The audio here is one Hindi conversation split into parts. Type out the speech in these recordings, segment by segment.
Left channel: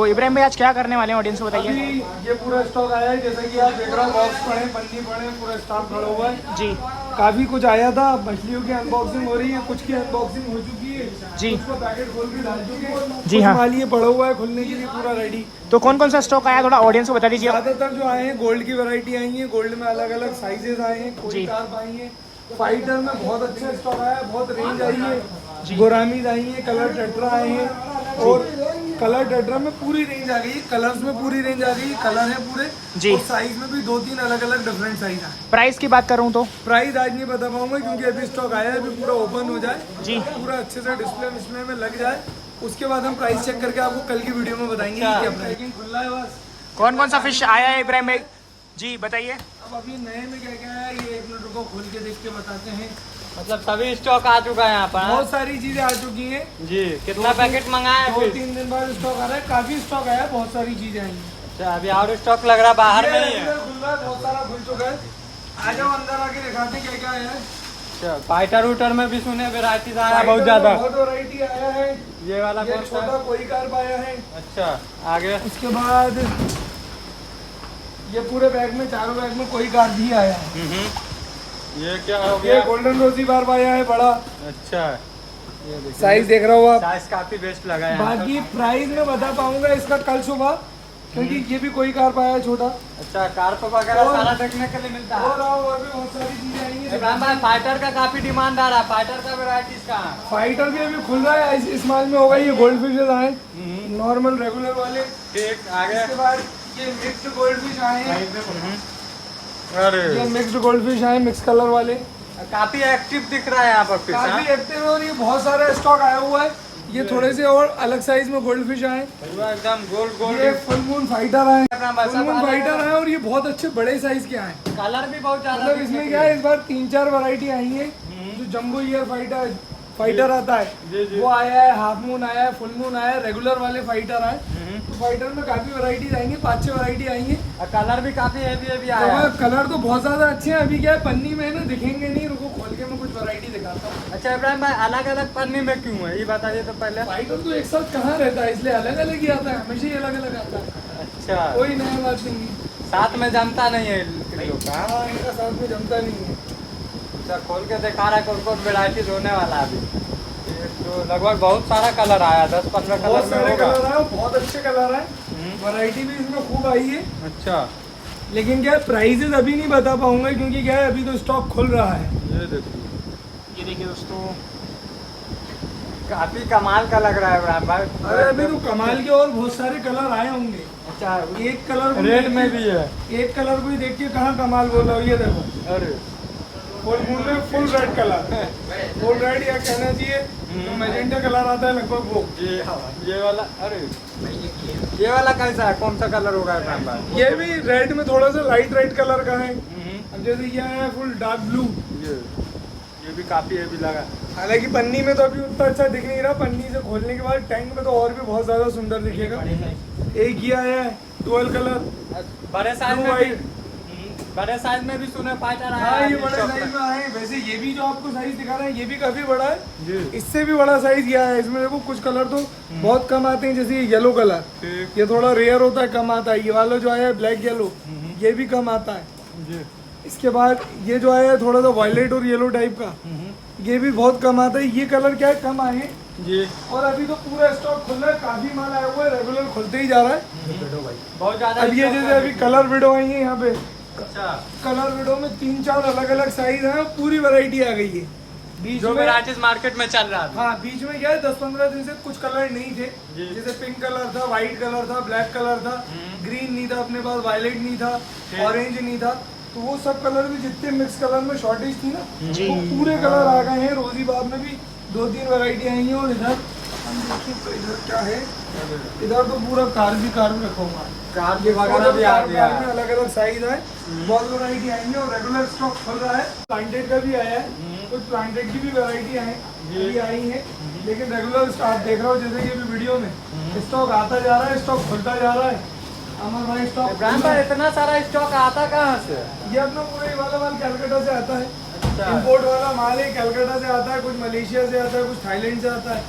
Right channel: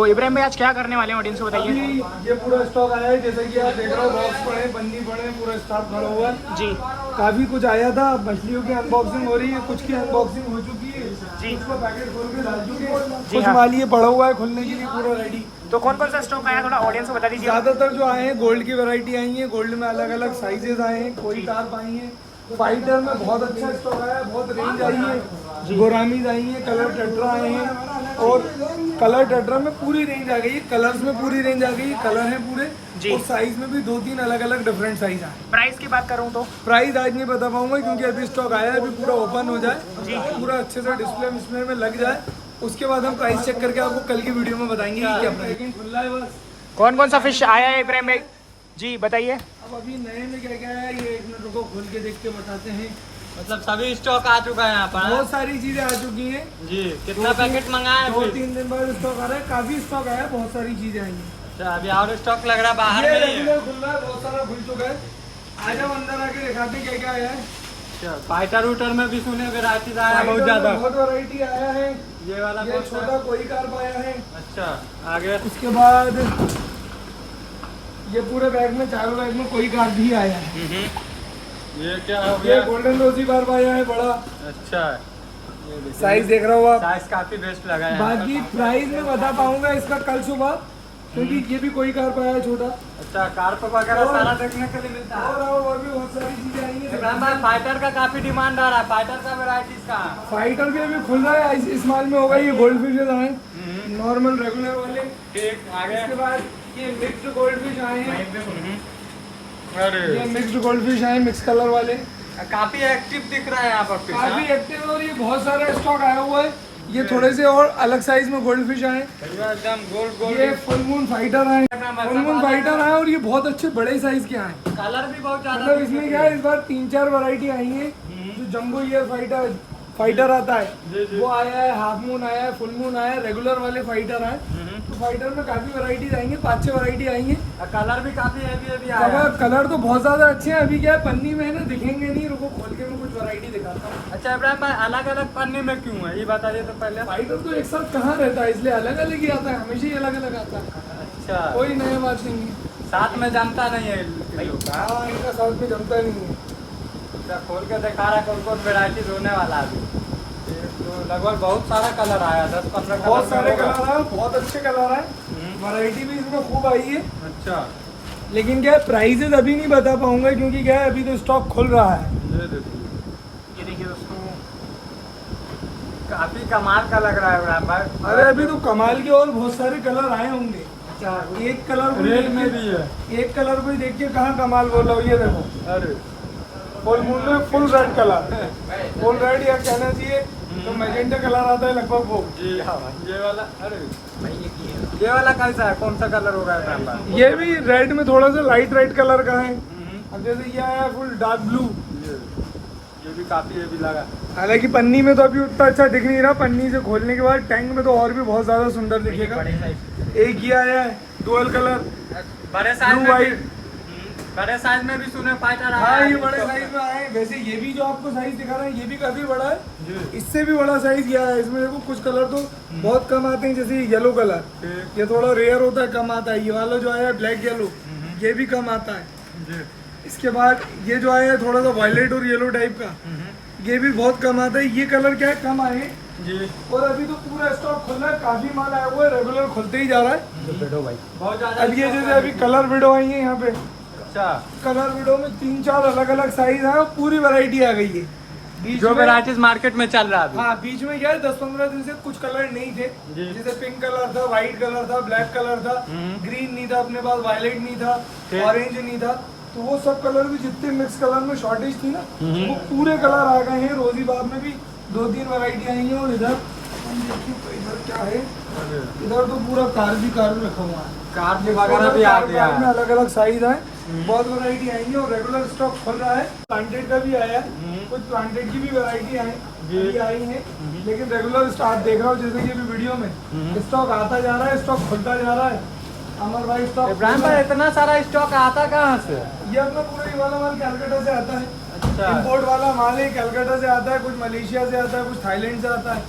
तो इब्राहिम भाई आज क्या करने वाले हैं ऑडियंस को बताइए। अभी ये पूरा स्टॉक आया है, जैसे कि आप देख रहे हो, बॉक्स पड़े, पन्नी पड़े, पूरा स्टॉक खड़ा हुआ है जी काफी कुछ आया था। मछलियों की अनबॉक्सिंग हो रही है, कुछ की अनबॉक्सिंग हो चुकी है जी। उसको पैकेट खोल के डाल चुके हैं, जी कुछ हाँ। माल ये पड़ा हुआ है खुलने के लिए पूरा रेडी। तो कौन कौन सा स्टॉक आया थोड़ा ऑडियंस को बता दीजिए। ज्यादातर जो आए हैं गोल्ड की वैरायटी आई है, गोल्ड में अलग अलग साइजेस आए हैं, कोई जी। कार्प आई है, फाइटर में बहुत अच्छा स्टॉक आया है, बहुत रेंज आई जी। है, गोरामीज आई है, कलर टेट्रा आए हैं और कलर टेट्रा में पूरी रेंज आ गई है, कलर्स में पूरी रेंज आ गई, कलर है पूरे जी। और साइज में भी 2-3 अलग अलग डिफरेंट साइज आए। प्राइस की बात करूँ तो प्राइस आज नहीं बता पाऊंगा क्योंकि अभी स्टॉक आया है, अभी पूरा ओपन हो जाए जी। पूरा अच्छे से डिस्प्ले में लग जाए, उसके बाद हम प्राइस चेक करके आपको कल की वीडियो में बताएंगे कि क्या प्राइस खुला है। बस कौन कौन सा फिश आया है इब्राहिम भाई जी बताइए। अब अभी नए में क्या क्या है ये एक मिनट रुको, खोल के देख के बताते हैं। मतलब सभी स्टॉक आ चुका है यहाँ पर। बहुत सारी चीजें आ चुकी हैं जी, कितना पैकेट मंगाया है? 2-3 दिन बाद स्टॉक आ रहा है, काफी स्टॉक आया है, बहुत सारी चीजें आई हैं। अच्छा, अभी और स्टॉक लग रहा है बाहर ये में ही है। रेगुलर खुल रहा है, बहुत सारा खुल चुका है। आ जाओ अंदर आके दिखाते हैं क्या क्या आया है। अच्छा, फाइटर वूटर में भी सुने वैरायटी आया है फाइटर बहुत में ज्यादा। बहुत वैरायटी आया है, ये वाला ये कौन सा? छोटा कोई कार्प आया है। अच्छा, आगे उसके बाद ये पूरे बैग में, चारों बैग में कोई कार्प भी आया है। ये क्या हो ये गया? गोल्डन रोजी बार आया है बड़ा अच्छा, साइज देख रहा हो आप। साइज काफी बेस्ट लगा है। बाकी प्राइस में बता पाऊंगा इसका कल सुबह, क्योंकि ये भी कोई कार्प आया है छोटा। अच्छा, कार्प वगैरह और- सारा देखने के लिए मिलता है। और भी बहुत सारी चीजें आई इब्राहिम भाई, हैं। फाइटर का काफी डिमांड आ रहा है। फाइटर का वैरायटी का फाइटर भी अभी खुल रहा है, इस माल में होगा। ये गोल्ड फिशेज आए, नॉर्मल रेगुलर वाले। ठीक, आगे। इसके बाद ये मिक्स्ड गोल्ड फिश आए हैं, अरे ये मिक्स्ड गोल्ड फिश आए, मिक्स कलर वाले, काफी एक्टिव दिख रहा है यहाँ पर फिश, काफी हाँ? एक्टिव है और ये बहुत सारा स्टॉक आया हुआ है। ये थोड़े से और अलग साइज में गोल्ड फिश आए, पूरा एकदम गोल्ड गोल्ड। ये फुल मून फाइटर आए, फुल मून फाइटर आए और ये बहुत अच्छे बड़े साइज के आए। कलर भी बहुत ज्यादा मतलब इसमें क्या है, इस बार 3-4 वैरायटी आई है। जो जंबो ईयर फाइटर आता है वो आया है, हाफ मून आया है, फुल मून आया है, रेगुलर वाले फाइटर आए। तो फाइटर में काफी वैरायटीज आएंगे, 5-6 वैरायटी आएंगे। कलर भी काफी हैवी कलर तो बहुत ज्यादा अच्छे हैं। अभी क्या है, पन्नी में है ना, दिखेंगे नहीं, रुको खोल के मैं कुछ वैरायटी दिखाता हूँ। अच्छा इब्राहिम भाई, अलग अलग पन्नी में क्यों है ये बताइए तो पहले। फाइटर तो एक साथ कहाँ रहता है, इसलिए अलग अलग ही आता है, हमेशा ही अलग अलग आता है, अच्छा, कोई नया बात नहीं है। साथ में जमता नहीं है इन लोग का। हाँ, इनका साथ में जमता नहीं है। अच्छा, खोल के दिखा रहा है कौन कौन वैरायटी होने वाला है अभी। तो लगभग बहुत सारा कलर आया, 10-15 बहुत सारे कलर आए, बहुत अच्छे कलर आए, वैरायटी भी इसमें खूब आई है। अच्छा, लेकिन क्या है, प्राइजेज अभी नहीं बता पाऊंगा क्योंकि क्या है, अभी तो स्टॉक खुल रहा है। ये देखो, ये देखिए दोस्तों, काफी कमाल का लग रहा है इब्राहिम भाई। अरे अभी तो कमाल के और बहुत सारे कलर आए होंगे। अच्छा, एक कलर को रेड देख में के- भी है। एक कलर को ही देख के कहाँ कमाल बोल रहा हूँ, ये देखो अरे फुल मून में full red colour, full red या कहना चाहिए जो मैजेंटा कलर आता है लगभग वो। ये वाला, अरे ये वाला कैसा है, कौन सा कलर होगा इब्राहिम भाई? ये भी रेड में थोड़ा सा लाइट रेड कलर का है। अब जैसे ये आया फुल डार्क ब्लू, ये भी काफी हैवी लगा। हालांकि पन्नी में तो अभी उतना अच्छा दिख नहीं रहा, पन्नी से खोलने के बाद टैंक में तो और भी बहुत ज्यादा सुंदर दिखेगा। एक ये आया है डुअल कलर, बड़े साइज Blue में भी, white। बड़े साइज में भी सुने फाइटर आया हाँ है। ये बड़े साइज में आए हैं। वैसे ये भी जो आपको साइज दिखा रहा है ये भी काफी बड़ा है, जी। इससे भी बड़ा साइज ये आया है। इसमें देखो कुछ कलर तो बहुत कम आते हैं, जैसे ये येलो कलर, ठीक। ये थोड़ा रेयर होता है, कम आता है। ये वाला जो आया है ब्लैक येलो, ये भी कम आता है। जी। इसके बाद ये जो आया है थोड़ा सा वायलेट और येलो टाइप का, ये भी बहुत कम आता है। ये कलर क्या है, कम आए हैं। जी, और अभी तो पूरा स्टॉक खुल रहा है, काफी माल आया हुआ है, रेगुलर खुलते ही जा रहा है। बहुत ज्यादा। अब ये जैसे अभी कलर विडो आई है यहाँ पे, अच्छा, कलर विडो में 3-4 अलग अलग साइज है, पूरी वैरायटी आ गई है। बीच जो में वैराइटीज मार्केट में चल रहा है। हाँ, बीच में क्या है, 10-15 दिन से कुछ कलर नहीं थे। जी। जैसे पिंक कलर था, व्हाइट कलर था, ब्लैक कलर था, ग्रीन नहीं था अपने पास, वायलेट नहीं था, ठीक। ऑरेंज नहीं था। तो वो सब कलर भी जितने मिक्स कलर में शॉर्टेज थी ना, जी। वो पूरे कलर आ गए हैं। रोजी बाग में भी 2-3 वैरायटी आई है। और इधर हम देखिए तो इधर क्या है, इधर तो पूरा कार भी रखा हुआ है। कार ये वगैरह भी आ कार गया में है। अलग अलग साइज है, बहुत वैरायटी आई है और रेगुलर स्टॉक खुल रहा है। प्लांटेड का भी आया है, कुछ प्लांटेड की भी वैरायटी अभी आई है। लेकिन रेगुलर स्टॉक देख रहा हूँ, जैसे कि अभी वीडियो में स्टॉक आता जा रहा है, स्टॉक खुलता जा रहा है। अमर भाई स्टॉक इब्राहिम भाई, इतना सारा स्टॉक आता कहाँ से? ये अपना पूरा ये वाला माल कैलकाटा से आता है, इंपोर्ट वाला माल है, कैलकाटा से आता है, कुछ मलेशिया से आता है, कुछ थाईलैंड से आता है।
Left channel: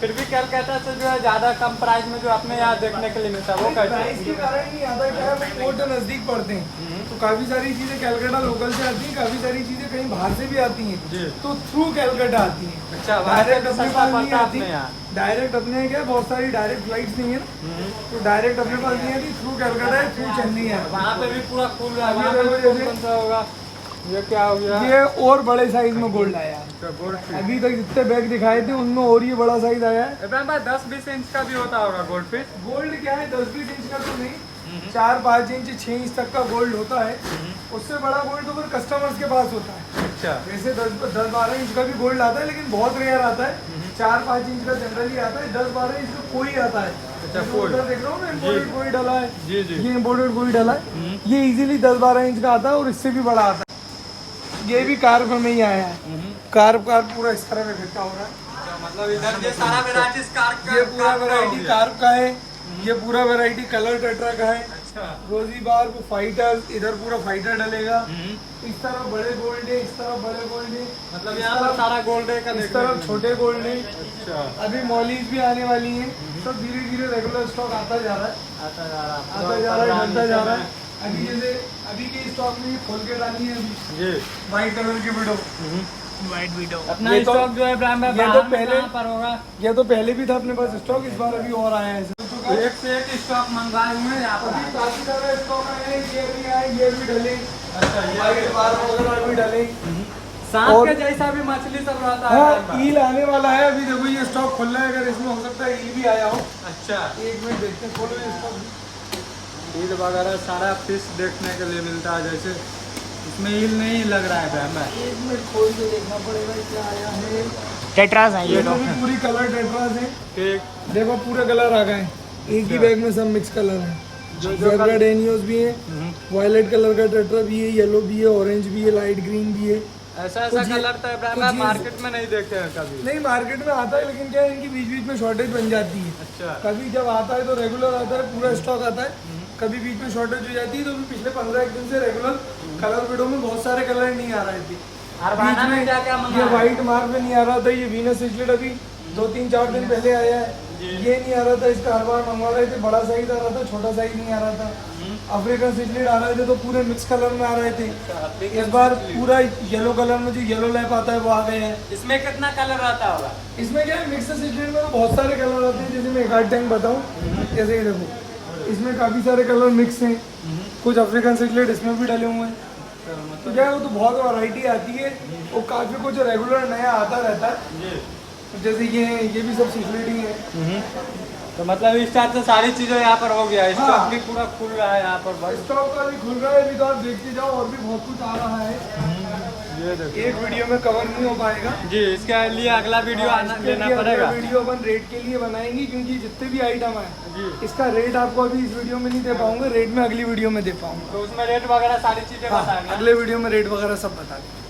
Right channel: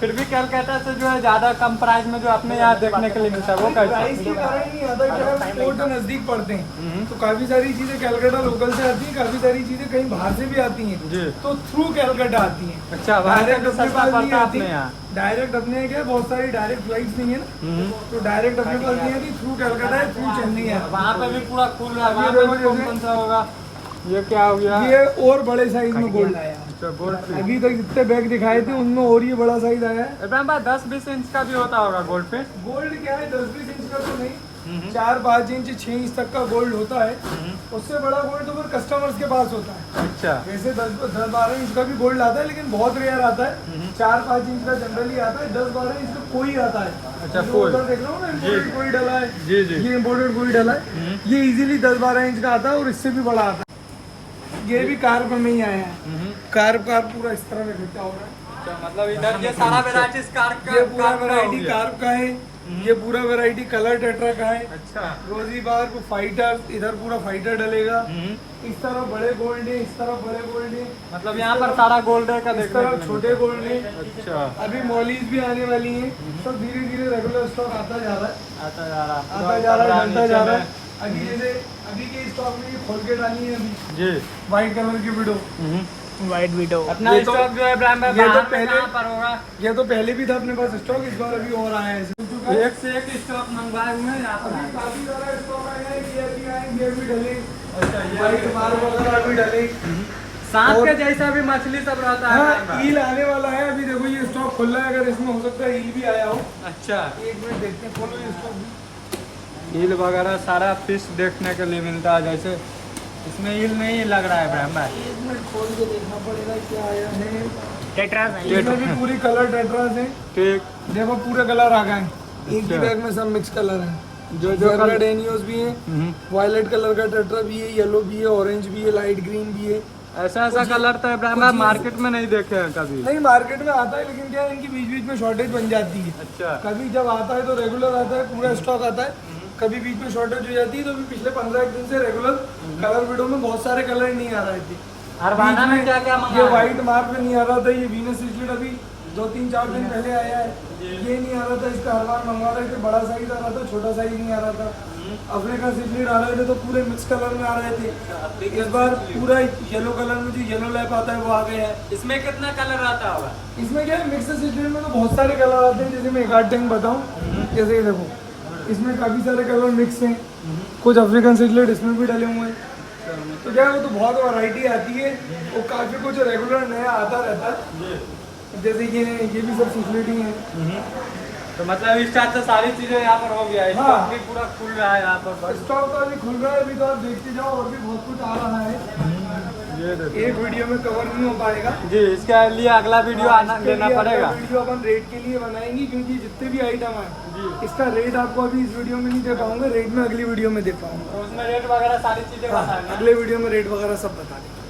फिर भी कैलकाटा से जो है ज्यादा कम प्राइस में जो अपने यहाँ देखने के लिए मिलता है वो कैसा? प्राइस के कारण नहीं आता, क्या हम पोर्ट नजदीक पड़ते हैं तो काफी सारी चीजें कैलकाटा लोकल से आती हैं, काफी सारी चीजें कहीं बाहर से भी आती जी। हैं तो थ्रू कैलकाटा आती हैं, अच्छा, डायरेक्ट अपने सस्ता पास नहीं पड़ता आती। अपने यहाँ। डायरेक्ट अपने यहाँ क्या है, बहुत सारी डायरेक्ट फ्लाइट्स नहीं है ना, तो डायरेक्ट अपने पास नहीं आती, थ्रू कैलकाटा है, थ्रू चेन्नई है। वहाँ पे भी पूरा खुल रहा है, ये यहाँ देखो पे जैसे- कौन सा होगा? ये क्या हो गया? ये और बड़े साइज में गोल्ड आया है। अच्छा, गोल्ड पे। अभी तक जितने बैग दिखाए थे उनमें और ये बड़ा साइज आया है। इब्राहिम भाई 10-20 इंच का भी होता होगा गोल्ड पे? गोल्ड क्या है, 10-20 इंच का तो नहीं, 4-5 इंच 6 इंच तक का गोल्ड होता है। उससे बड़ा गोल्ड तो फिर कस्टमर्स के पास होता है। अच्छा, वैसे 10-12 इंच का भी गोल्ड आता है, लेकिन बहुत रेयर आता है। 4-5 इंच का जनरली आता है, 10-12 इंच का कोई आता है। जो कोई। उधर देख रहा हूँ ना, इम्पोर्टेड कोई डला है, जी जी। ये इम्पोर्टेड कोई डला है, ये इजीली 10-12 इंच का आता है और इससे भी बड़ा आता है। ये भी कार्ब में ही आया है, कार्ब पूरा इस तरह में फिरता होगा। मतलब इधर ये सारा वेराइटीज कार का, ये पूरा कार का वैरायटी हो गया। कार्ब का है, ये पूरा वैरायटी कलर टेट्रा का है। अच्छा। रोजी बार को फाइटर, इधर पूरा फाइटर डलेगा। इस तरफ बड़े गोल्ड है, इस तरफ बड़े गोल्ड है, मतलब इस यहाँ पे तरफ- सारा गोल्ड है का इस देखने तरफ को छोटे गोल्ड है। अच्छा, अभी मॉलीज भी आने वाली हैं, सब धीरे धीरे रेगुलर स्टॉक आता जा रहा है, अच्छा जा रहा है। आता जा रहा है, ढलता जा रहा है। अभी जैसे अभी के स्टॉक में ये खोल के डाली है अभी जी। व्हाइट कलर की विडो। White widow. अपना ये तो- स्टॉक जो है इब्राहिम भाई ये तो बाहर में पहले- कहाँ पर होगा? ये तो पहले भी था अपने पास स्टॉक, इस बार अभी और आया है। एक से एक स्टॉक मंगवाए हुए हैं यहाँ पर। अभी काफी सारा स्टॉक आया है, ये भी आए, ये भी डले, अच्छा, ये व्हाइट बार वगैरह भी डले। सांप और- के जैसा भी मछली सब रहता है हाँ, इब्राहिम भाई। ईल आने वाला है। अभी देखो ये स्टॉक खुल रहा है, अगर इसमें हो सकता है ईल भी आया हो। अच्छा, एक मिनट देखते हैं, खोलो ये स्टॉक भी। ईल वगैरह सारा फिश देखने के लिए मिलता है। जैसे इसमें ईल नहीं लग रहा है इब्राहिम भाई। एक मिनट खोल के देखना पड़ेगा क्या आया है। टेट्रास है ये तो। इसमें भी पूरी कलर टेट्रास है, ठीक। देखो पूरे कलर आ गए, एक ही बैग में सब मिक्स कलर है। जेब्रा डेनियोस भी है, वायलेट कलर का टेट्रा भी है, येलो भी है, ऑरेंज भी है, लाइट ग्रीन भी है। ऐसा ऐसा कलर तो इब्राहिम भाई मार्केट में नहीं देखे हैं कभी। नहीं मार्केट में आता है, लेकिन क्या है इनकी बीच बीच में शॉर्टेज बन जाती है। अच्छा, कभी जब आता है तो रेगुलर आता है, पूरा स्टॉक आता है। कभी बीच में शॉर्टेज हो जाती है, तो अभी पिछले 15 दिन से रेगुलर कलर विडो में बहुत सारे कलर नहीं आ रहे थे। बीच में क्या-क्या मंगाया? ये व्हाइट मार्बल नहीं आ रहा था, ये वीनस सिजलेट अभी 2-3-4 दिन पहले आया है। ये नहीं आ रहा था, इसका हर बार मंगवा रहे थे, बड़ा साइज आ रहा था, छोटा साइज नहीं आ रहा था। अफ्रीकन सिजलेट आ रहे थे तो पूरे मिक्स कलर में आ रहे थे। इस बार पूरा येलो कलर में जो येलो लैप आता है वो आ गया है। इसमें कितना कलर रहता होगा? इसमें क्या है, मिक्स सिजलेट में तो बहुत सारे कलर आते हैं, जैसे मैं एक आध टाइम बताऊँ। जैसे ये देखो, इसमें काफी सारे कलर मिक्स हैं, कुछ अफ्रीकन सिजलेट इसमें भी डले हुए हैं। तो क्या है, वो तो बहुत वैरायटी आती है और काफी कुछ रेगुलर नया आता रहता है। जैसे ये भी सब सिजलेट ही है। तो मतलब इस टाइप से सारी चीजें यहाँ पर हो गया। हाँ। स्टॉक भी पूरा खुल रहा है यहाँ पर। स्टॉक तो अभी खुल रहा है, अभी तो आप देखते जाओ, और भी बहुत कुछ आ रहा है। ये देखो। एक वीडियो में कवर नहीं हो पाएगा। जी, इसके लिए अगला वीडियो आना इसके लेना लिए पड़ेगा। अगला वीडियो अपन रेट के लिए बनाएंगे, क्योंकि जितने भी आइटम आए जी, इसका रेट आपको अभी इस वीडियो में नहीं दे पाऊंगा, रेट में अगली वीडियो में दे पाऊंगा। तो उसमें रेट वगैरह सारी चीजें हाँ, बताएंगे। अगले वीडियो में रेट वगैरह सब बता देंगे।